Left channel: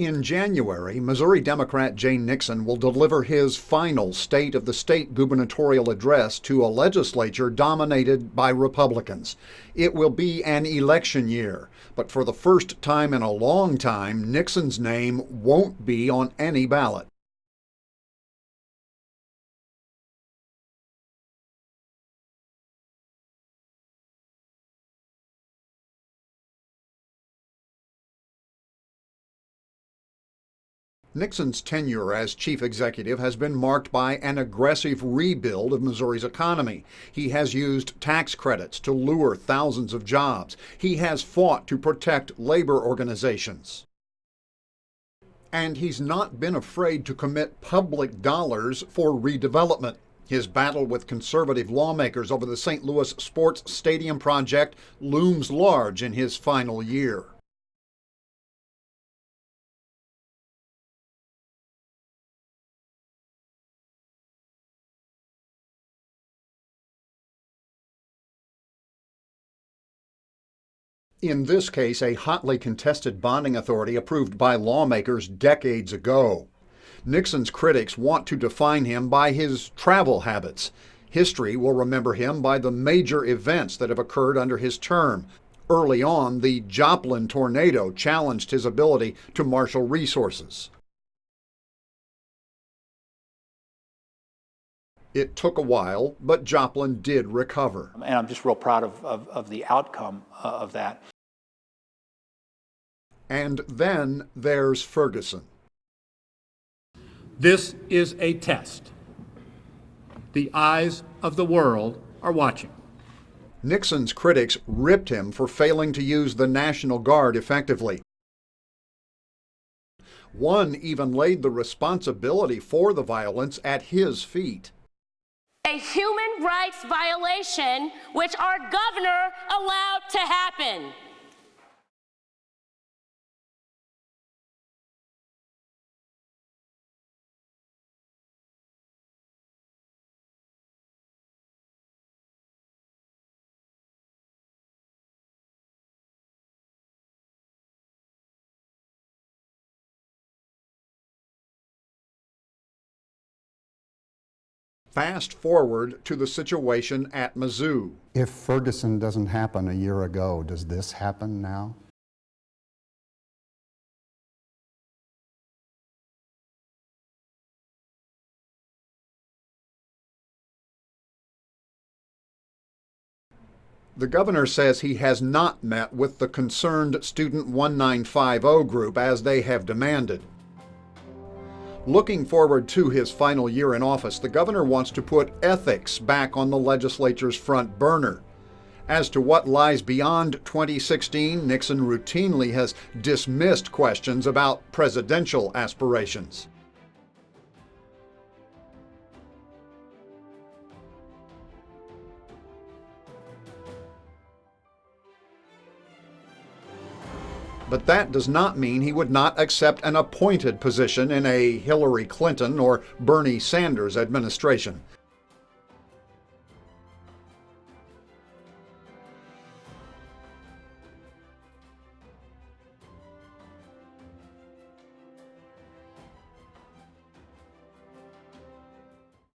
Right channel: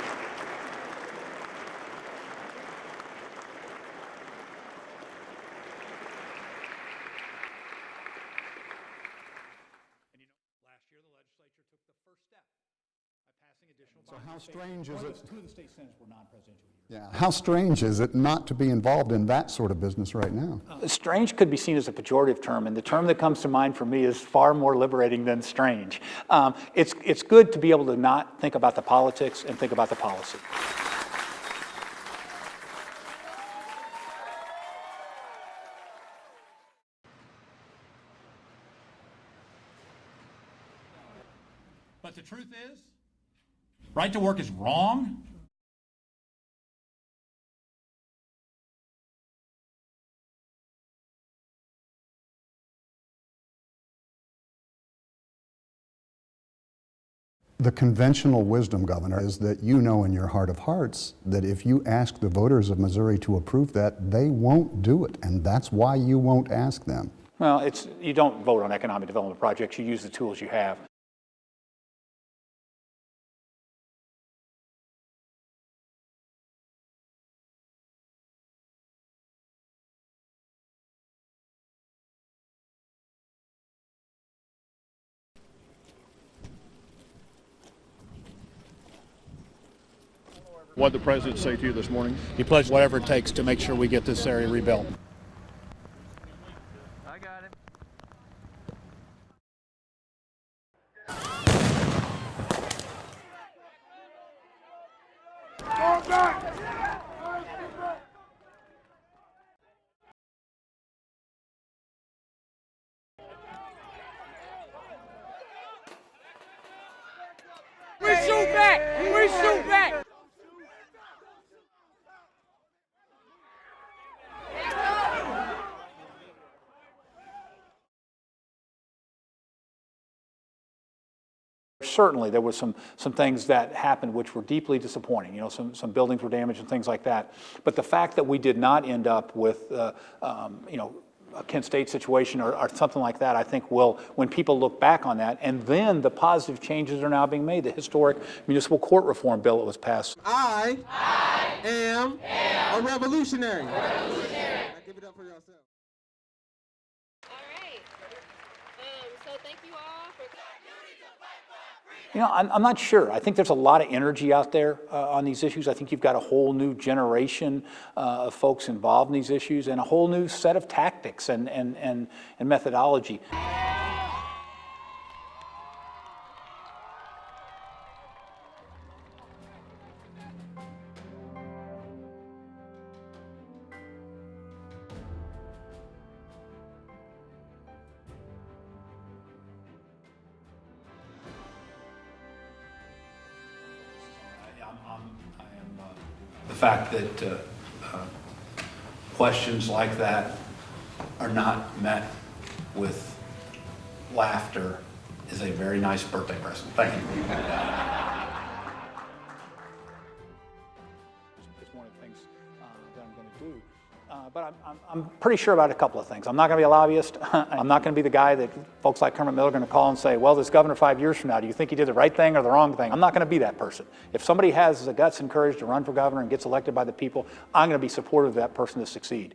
In January, Missouri Democrat Jay Nixon will deliver his final State of the State gubernatorial address to a legislature dominated by Republicans. It will be an election year, but for the first time in a long time, Nixon's name won't be on any ballot. How strange is it not to be involved in that sort of business right now? Strange could be seen as a pejorative term, and the term that comes to mind for me is far more liberating than strange. It's good to be able to not think about the politics and think about the policy. Nixon's tenure as chief executive has been marked by an aggressive rebuild of Missouri's economy. He has used tax credits to lure thousands of jobs. He has fought to protect labor organizations. Right to work is wrong. And he's not been afraid to commit public dollars for redevelopment. His battle with conservative lawmakers over the St. Louis Sports Stadium project looms large in his final year. The conventional wisdom, Governor, is that you know in your heart of hearts that if you ask the voters of Missouri to approve that, they won't do it, and that's why you won't ask them. Well, you don't vote on economic development projects, you use the tools you have. In this case, a hotly contested bonding authority approved by lawmakers decades ago. Nixon's critics want to define him by his travel habits. History will remember him by the major events that have occurred under his term. Early on, the Joplin tornado challenged his ability to marshal resources. What did the president say to you this morning? He pledged whatever it takes to make sure we get this area rebuilt. It took a while, but Joplin did recover. And I'm just real proud of the outcome of that. And then there's Ferguson. This is a test. The eyes of the world are watching. Nixon's critics ripped him for failing to use the National Guard effectively. We shoot back! We shoot back! One even laid the responsibility for the violence at his feet. A human rights violation which our governor allowed to happen. Certainly there was some things that happened which were deeply disappointing. You know, some buildings were damaged and things like that. But the fact that we did not end up with, a Kent State situation or something like that, I think will, when people look back on that, and then the positive changes are now being made. The historic municipal court reform bill that was passed. I am a revolutionary. Fast forward to the situation at Mizzou. If Ferguson doesn't happen a year ago, does this happen now? You know, I'm not sure. I think there's a lot of energy out there on these issues. I think you've got a whole new generation of folks involved in these issues and a whole new set of tactics and methodology. The governor says he has not met with the concerned Student 1950 group as they have demanded. Looking forward to his final year in office, the governor wants to put ethics back on the legislature's front burner. As to what lies beyond 2016, Nixon routinely has dismissed questions about presidential aspirations. The fact that questions like that are not met with laughter is a very nice birthday present. Thank you. But that does not mean he would not accept an appointed position in a Hillary Clinton or Bernie Sanders administration. I'm pretty sure about a couple of things. I'm not going to be a lobbyist. I'm not going to be the guy that folks like Kermit Miller are going to call and say, well, this governor 5 years from now, do you think he did the right thing or the wrong thing? I'm not going to be that person. If somebody has the guts and courage to run for governor and gets elected by the people, I'm going to be supportive of that person to succeed.